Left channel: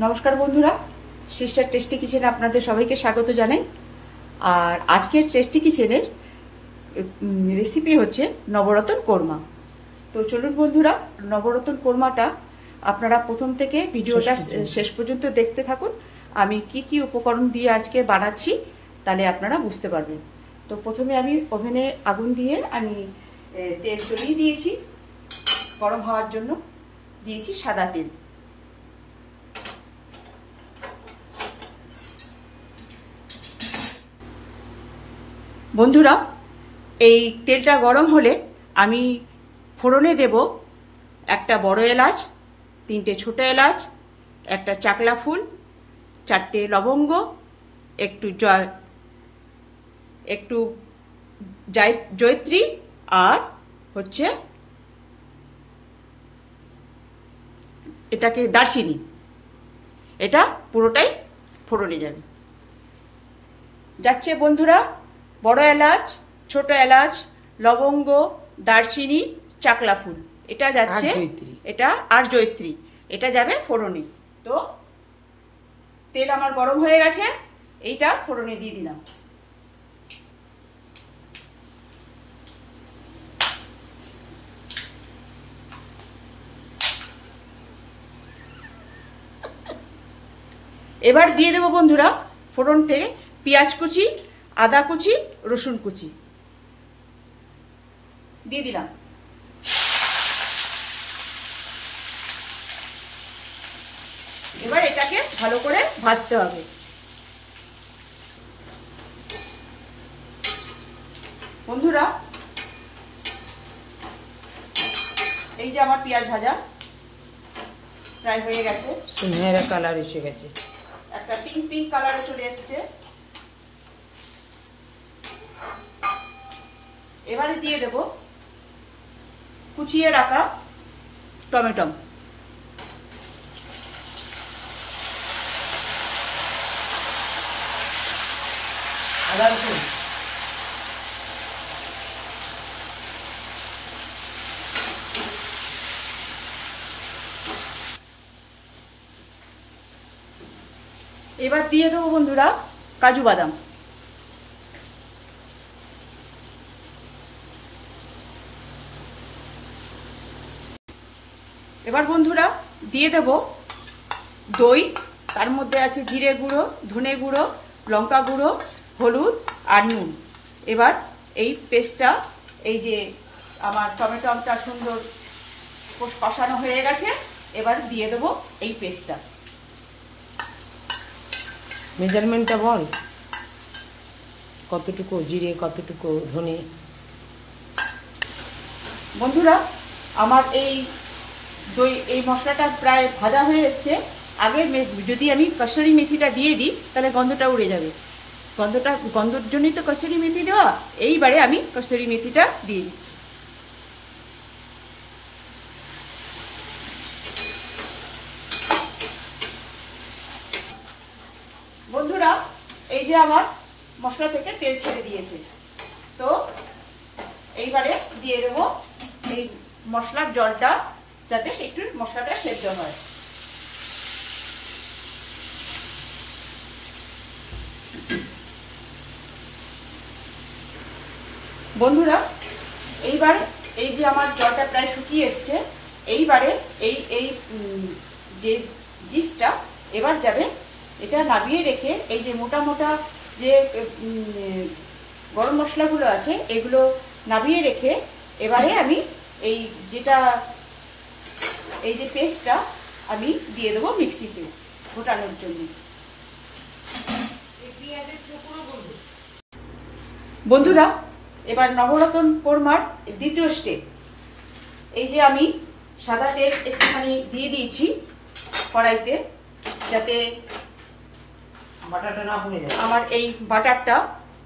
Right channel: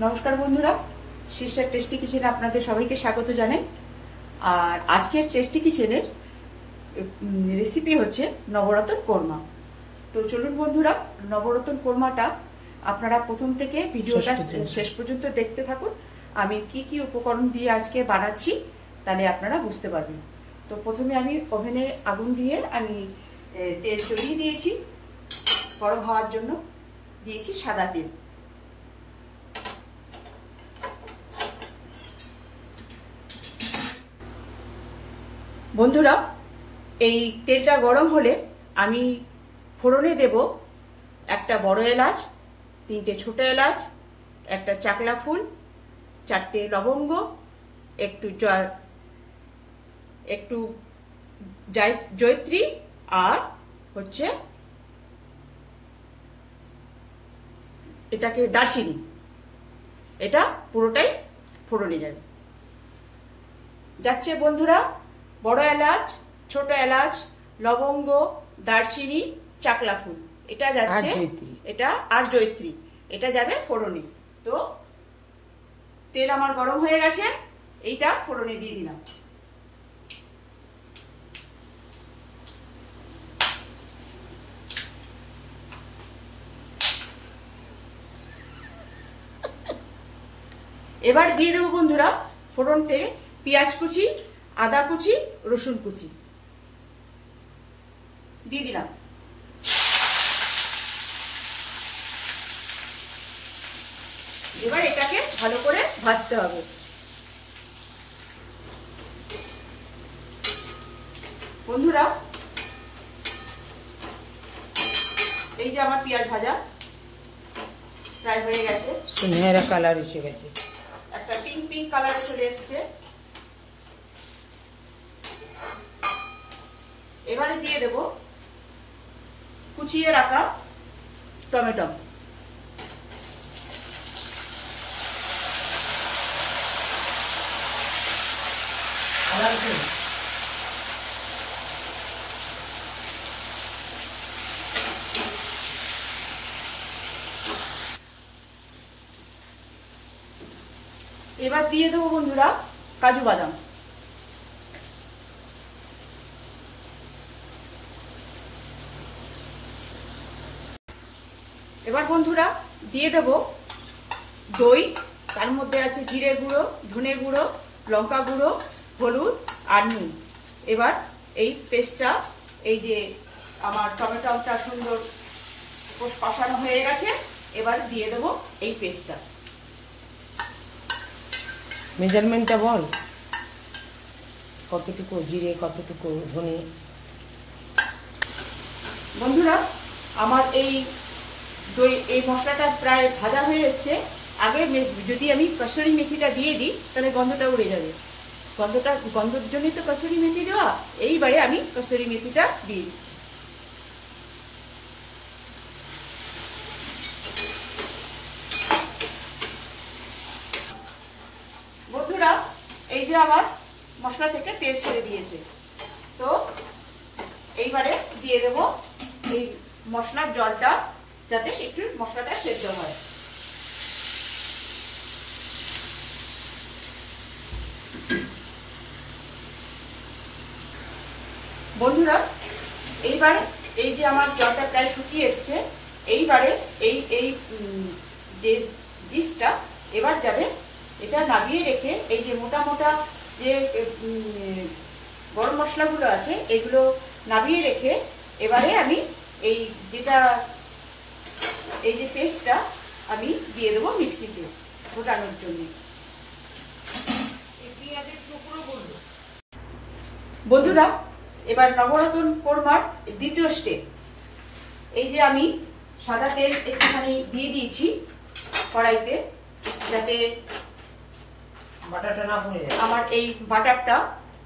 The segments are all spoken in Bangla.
নমস্কার বন্ধুরা, সিস্টার টেস্টি কিচেনে আপনাদের সবাইকে স্বাগত জানাই। আর আজকের টেস্টি কিচেনের রেসিপি হচ্ছে নবরত্ন কোরমা। তো চলুন বন্ধুরা, নবরত্ন কোরমাটা আপনারা প্রথম থেকে ভিডিওটা শেষ পর্যন্ত দেখতে থাকুন। আমি কি কি উপকরণ দিয়ে আজকে বানাচ্ছি তাহলে আপনারা বুঝতে পারবেন। তো প্রথমে আমি ওভেনে আগুন দিয়ে আমি তেল চড়িয়ে দিয়েছি, গরম হওয়ার জন্য দিয়েছি সাদা তেল। বন্ধুরা, এই তেলটা গরম হলে আমি ফোড়নে দেব একটা বড় এলাচ, 3টে ছোট এলাচ, একটা চাকলা ফুল, 4টে লবঙ্গ, একটু জয়ত্রী, আর হচ্ছে এটাকে দারচিনি। এটা পুরোটাই ফোড়নে যাচ্ছে বন্ধুরা। বড় এলাচ, ছোট এলাচ, লবঙ্গ, দারচিনি, চাকলা ফুল, এটা যাচ্ছে, এটা আর জয়ত্রী, এটা যাবে ফোড়নে। তো তেল আমার গরম হয়ে গেছে, এইটা ফোড়নে দিয়ে দিলাম। এবার দিয়ে দেবো বন্ধুরা ফোড়নতে পেঁয়াজ কুচি, আদা কুচি, রসুন কুচি দিয়ে দিলাম। এবার এটাকে ভালো করে ভাজতে হবে। বন্ধুরা, এই যে আমার পেঁয়াজ ভাজা প্রায় হয়ে গেছে, সুনহেরা কালার এসে গেছে, একটা পিঙ্ক পিঙ্ক কালারে চলে এসছে। এবারে দিয়ে দেব কুচিয়ে রাখা টমেটো। এবার দিয়ে দেবো বন্ধুরা কাজু বাদাম। এবার বন্ধুরা দিয়ে দেব দই, তার মধ্যে আছে জিরে গুঁড়ো, ধনে গুঁড়ো, লঙ্কা গুঁড়ো, হলুদ আর নুন। এবার এই পেস্টটা, এই যে আমার টমেটোটা সুন্দর কষানো হয়ে গেছে, এবার দিয়ে দেবো এই পেস্টটা। মেজারমেন্টটা বল, কতটুকু জিরে, কতটুকু ধনে। বন্ধুরা, আমার এই মশলাটা প্রায় ভাজা হয়ে এসছে। আগে যদি আমি কসুরি মেথিটা দিয়ে দিই তাহলে গন্ধটা উড়ে যাবে, গন্ধর জন্যই তো কসুরি মেথি দেওয়া। এইবারে আমি কসুরি মেথিটা দিয়ে দিচ্ছি। বন্ধুরা, এই যে আমার মশলা থেকে তেল ছেড়ে দিয়েছে, তো এইবারে দিয়ে দেবো এই মশলার জলটা, যাতে একটু মশলাটা সেদ্ধ হয়। বন্ধুরা, এইবার এই যে আমার জলটা প্রায় শুকিয়ে এসছে, এইবারে এই যে ডিশটা এবার যাবে, এটা নামিয়ে রেখে এই যে মোটা মোটা যে গরম মশলাগুলো আছে এগুলো নামিয়ে রেখে এবারে আমি এই যে পেস্টটা আমি দিয়ে দেবো মিক্সিতে ফোটানোর জন্য। বন্ধুরা, এবার নবরত্ন কোরমার দ্বিতীয় স্টেপ। এই যে আমি সাদা তেল একটুখানি দিয়ে দিয়েছি কড়াইতে, যাতে বাটারটা না পুড়ে যায়, আমার এই বাটারটা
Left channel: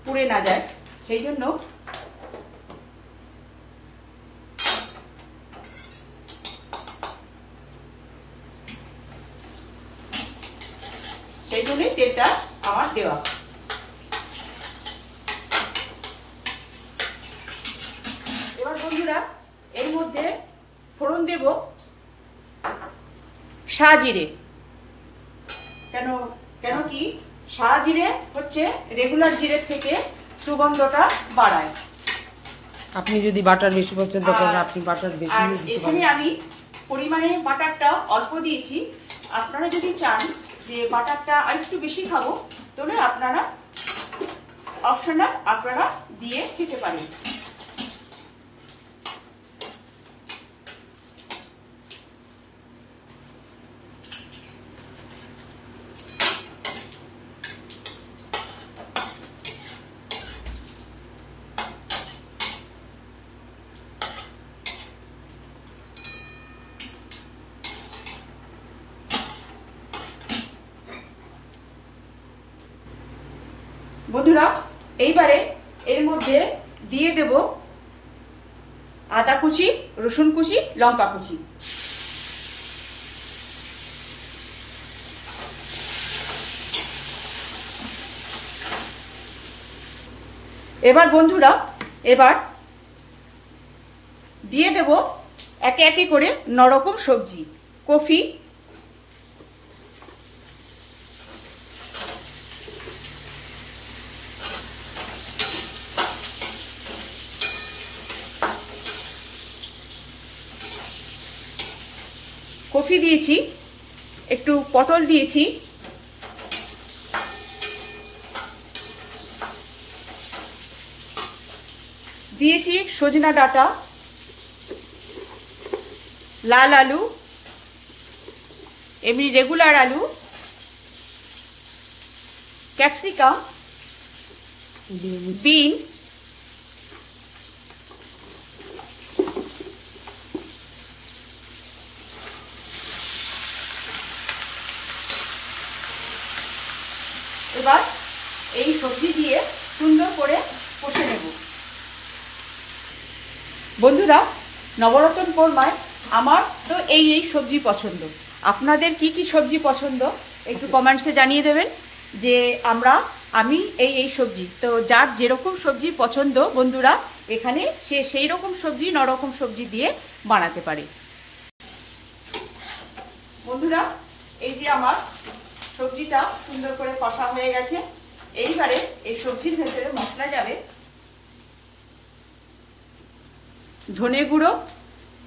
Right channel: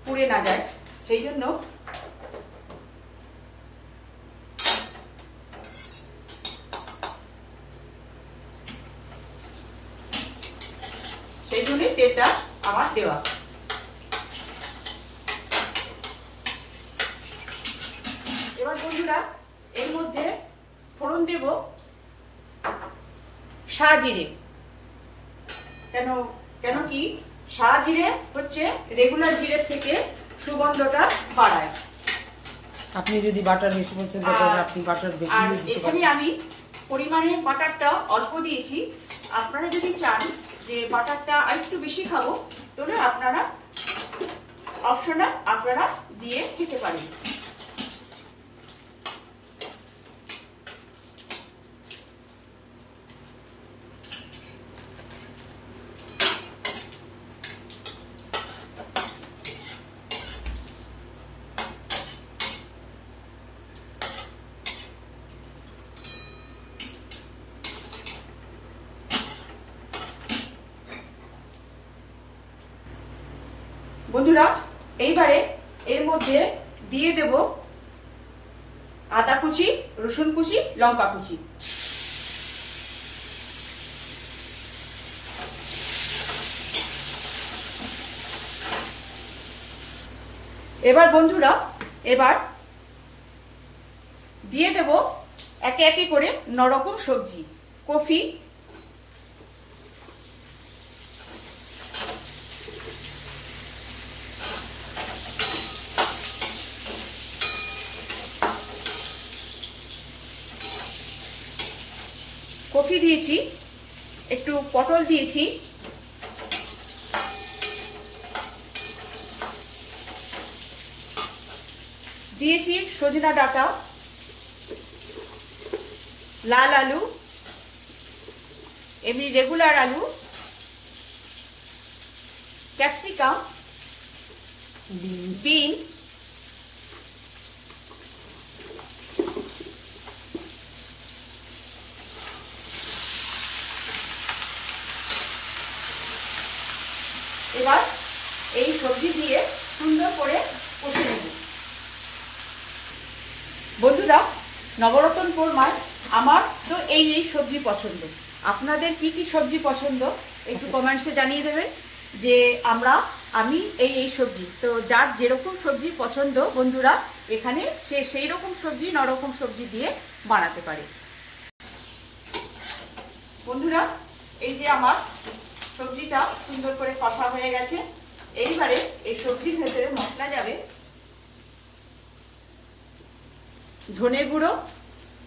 পুড়ে না যায়, সেই জন্য তেলটা আমার দেওয়া। এবার বন্ধুরা, এর মধ্যে ফোড়ন দেব শাহ জিরে, কেন কেন কি সাদা জিরে হচ্ছে রেগুলার জিরের থেকে সুগন্ধটা বাড়ায়। আপনি যদি বাটার বেশি পছন্দ করেন আপনি বাটার বেশি দিতে পারেন। এখানে আমি পরিমাণে বাটারটা অল্প দিয়েছি। আপনারা যদি চান যে বাটারটা আরেকটু বেশি খাবো তাহলে আপনারা অপশনাল আপনারা দিয়ে খেতে পারেন। বন্ধুরা এইবারে এর মধ্যে দিয়ে দেব আদা কুচি, রসুন কুচি, লঙ্কা কুচি। এবার বন্ধুরা এবার দিয়ে দেব একে একে করে 9 রকম সবজি। কফি, কফি দিয়েছি, একটু পটল দিয়েছি, দিয়েছি সজনা ডাঁটা, লাল আলু, এমনি রেগুলার আলু, ক্যাপসিকাম, বিনস, এবার এই সবজি দিয়ে সুন্দর করে কষে নেব। বন্ধুরা নবরত্ন কোরমায় আমার তো এই সবজি পছন্দ। আপনাদের কি কি সবজি পছন্দ একটু কমেন্টসে জানিয়ে দেবেন যে আমি এই সবজি। তো যার যেরকম সবজি পছন্দ বন্ধুরা এখানে সে সেই রকম সবজি 9 রকম সবজি দিয়ে বানাতে পারে। বন্ধুরা এই যে আমার সবজিটা সুন্দর করে কষা হয়ে গেছে। এইবারে এই সবজির ভেতরে মশলা যাবে ধনে গুঁড়ো,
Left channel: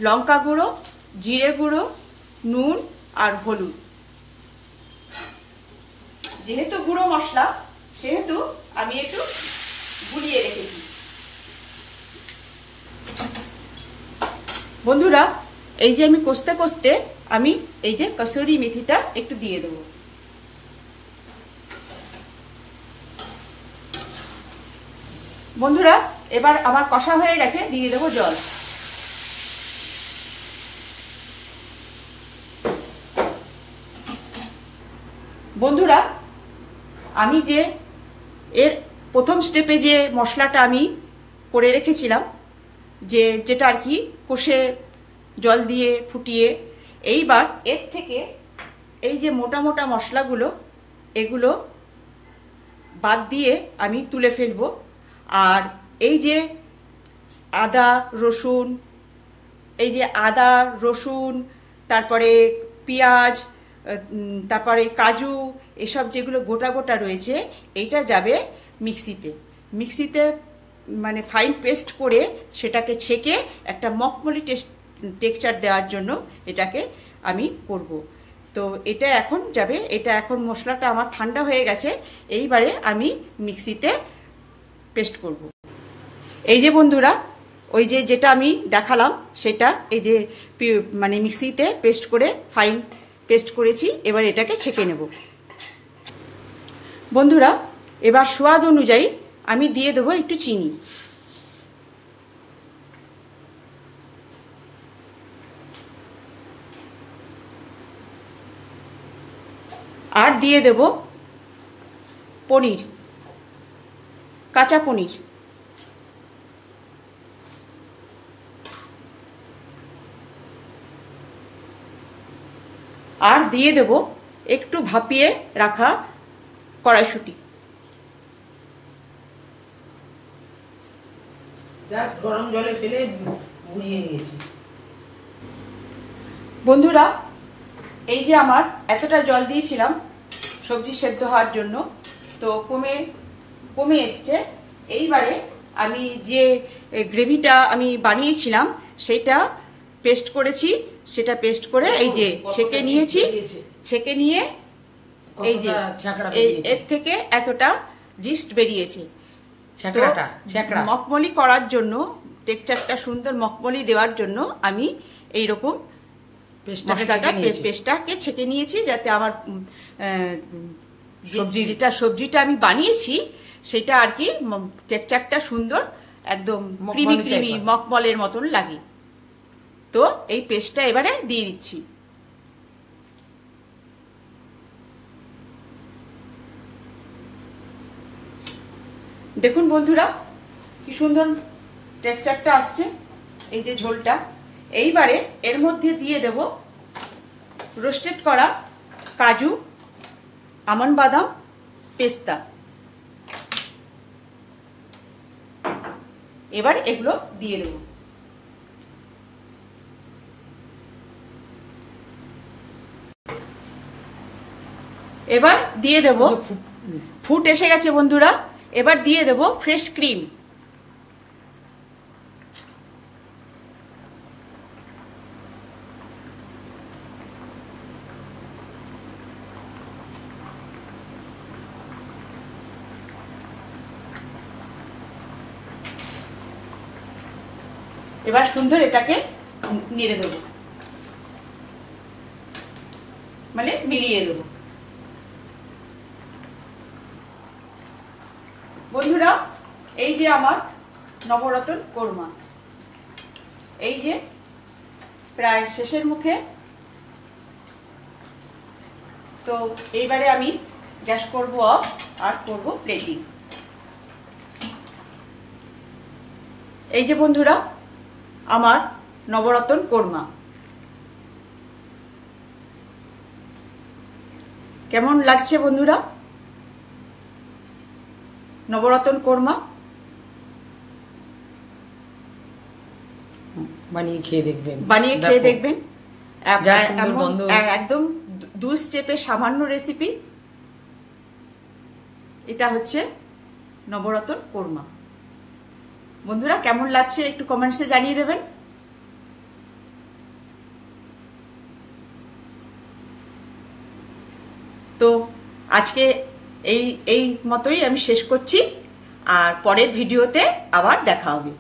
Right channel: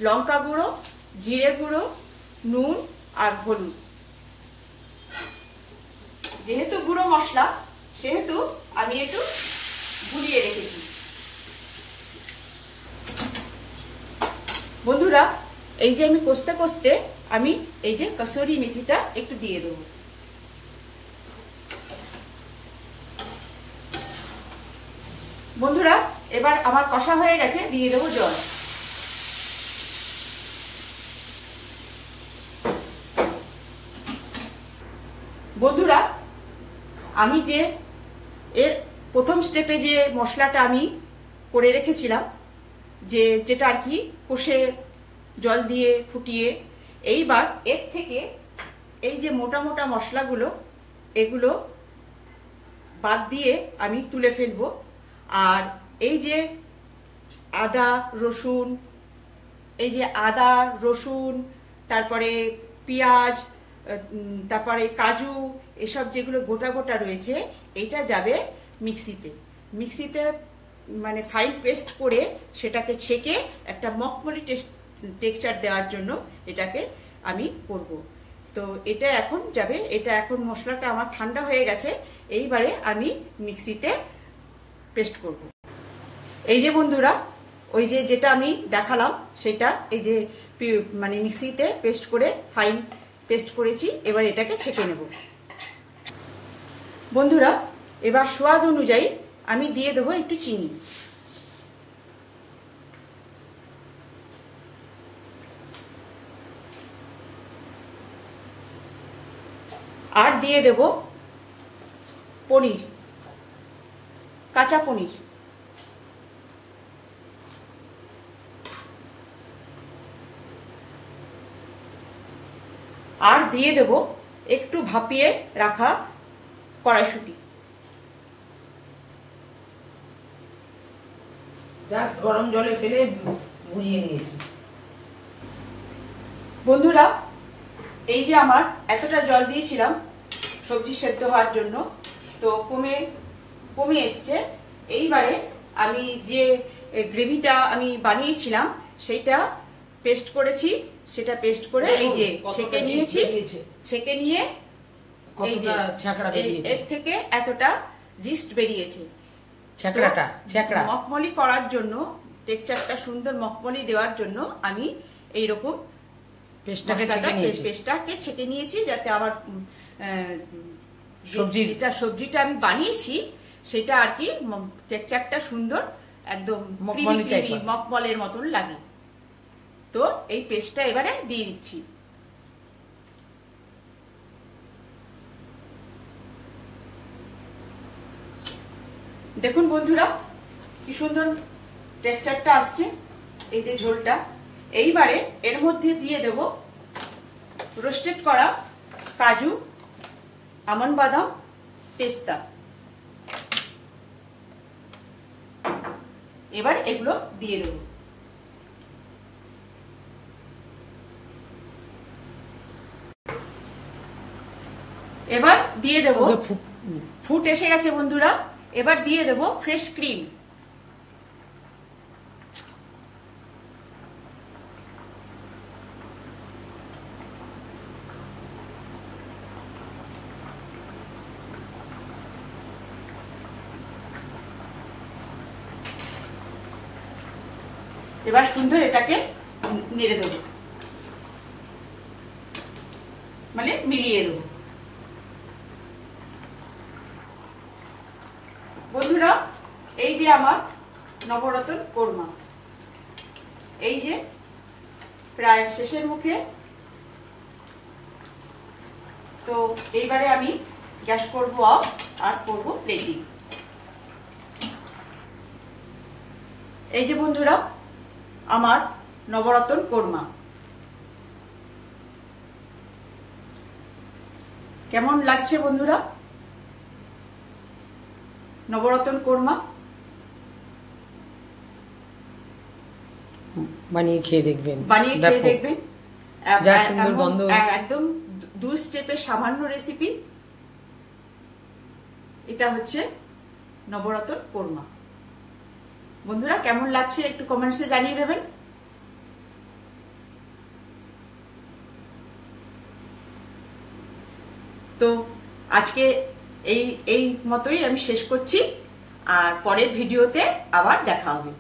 লঙ্কা গুঁড়ো, জিরে গুঁড়ো, নুন আর হলুদ। যেহেতু গুঁড়ো মশলা সেহেতু আমি একটু গুলিয়ে রেখেছি। বন্ধুরা এই যে আমি কষতে কষতে আমি এই যে কসুরি মেথিটা একটু দিয়ে দেবো। বন্ধুরা এবার আমার কষা হয়ে গেছে, দিয়ে দেবো জল। বন্ধুরা আমি যে এর প্রথম স্টেপে যে মশলাটা আমি করে রেখেছিলাম যেটা আর কি কষে জল দিয়ে ফুটিয়ে, এইবার এর থেকে এই যে মোটা মোটা মশলাগুলো এগুলো বাদ দিয়ে আমি তুলে ফেলবো। আর এই যে আদা রসুন তারপরে পেঁয়াজ, তারপরে কাজু, এসব যেগুলো গোটা গোটা রয়েছে এটা যাবে মিক্সিতে মানে ফাইন পেস্ট করে সেটাকে ছেঁকে একটা মখমলি টেক্সচার দেওয়ার জন্য এটাকে আমি করব। তো এটা এখন যাবে, এটা এখন মশলাটা আমার ঠান্ডা হয়ে গেছে। এইবারে আমি মিক্সিতে পেস্ট করব। এই যে বন্ধুরা ওই যেটা আমি দেখালাম সেটা এই যে মানে মিক্সিতে পেস্ট করে ফাইন পেস্ট করেছি। এবার এটাকে ছেঁকে নেব। বন্ধুরা এবার স্বাদ অনুযায়ী আমি দিয়ে দেবো একটু চিনি। আর দিয়ে দেব পনির, কাঁচা পনির। আর দিয়ে দেব একটু ভাপিয়ে রাখা কড়াইশুঁটি। জাস্ট গরম জলে ফেলে গুলিয়ে নিয়েছি। বন্ধুরা এই যে আমার এতটা জল দিয়েছিলাম সবজি সেদ্ধ হওয়ার জন্য। তো কমে এসছে। এইবারে আমি যে গ্রেভিটা আমি বানিয়েছিলাম সেটা পেস্ট করেছি, সেটা পেস্ট করে এই যে ছেঁকে নিয়েছি, ছেঁকে নিয়ে এই যে এর থেকে এতটা জিস্ট বেরিয়েছে। মখমলি করার জন্য, টেক্সচারটা সুন্দর মখমলি দেওয়ার জন্য আমি এইরকম পেস্টটাকে ছেঁকে নিয়েছি, যাতে আমার সবজিটা আমি বানিয়েছি সেটা আর কি টেক্সচারটা সুন্দর একদম ক্রিমি মখমলের মতন লাগে। তো এই পেস্টটা এবারে দিয়ে দিচ্ছি। দেখুন বন্ধুরা কি সুন্দর টেক্সচারটা আসছে এই যে ঝোলটা। এইবারে এর মধ্যে দিয়ে দেব রোস্টেড করা কাজু, আমন্ড বাদাম, পেস্তা। এবার এগুলো দিয়ে দেব। এবার দিয়ে দেব, ফুট এসে গেছে বন্ধুরা। এবার দিয়ে দেব ফ্রেশ ক্রিম। এবার সুন্দর এটাকে নেড়ে দেব, মানে মিলিয়ে দেব। বন্ধুরা এই যে আমার নবরত্ন কোরমা, এই যে প্রায় শেষের মুখে। তো এইবারে আমি গ্যাস করব অফ আর করব প্লেটিং। এই যে বন্ধুরা আমার নবরত্ন কোরমা কেমন লাগছে বন্ধুরা? নবরত্ন কোরমা বানিয়ে খেয়ে দেখবেন, একদম 2 স্টেপের সামান্য রেসিপি। এটা হচ্ছে নবরত্ন কোরমা। বন্ধুরা কেমন লাগছে একটু কমেন্টসে জানিয়ে দেবেন। তো আজকে এই মতোই আমি শেষ করছি, আর পরের ভিডিওতে আবার দেখা হবে।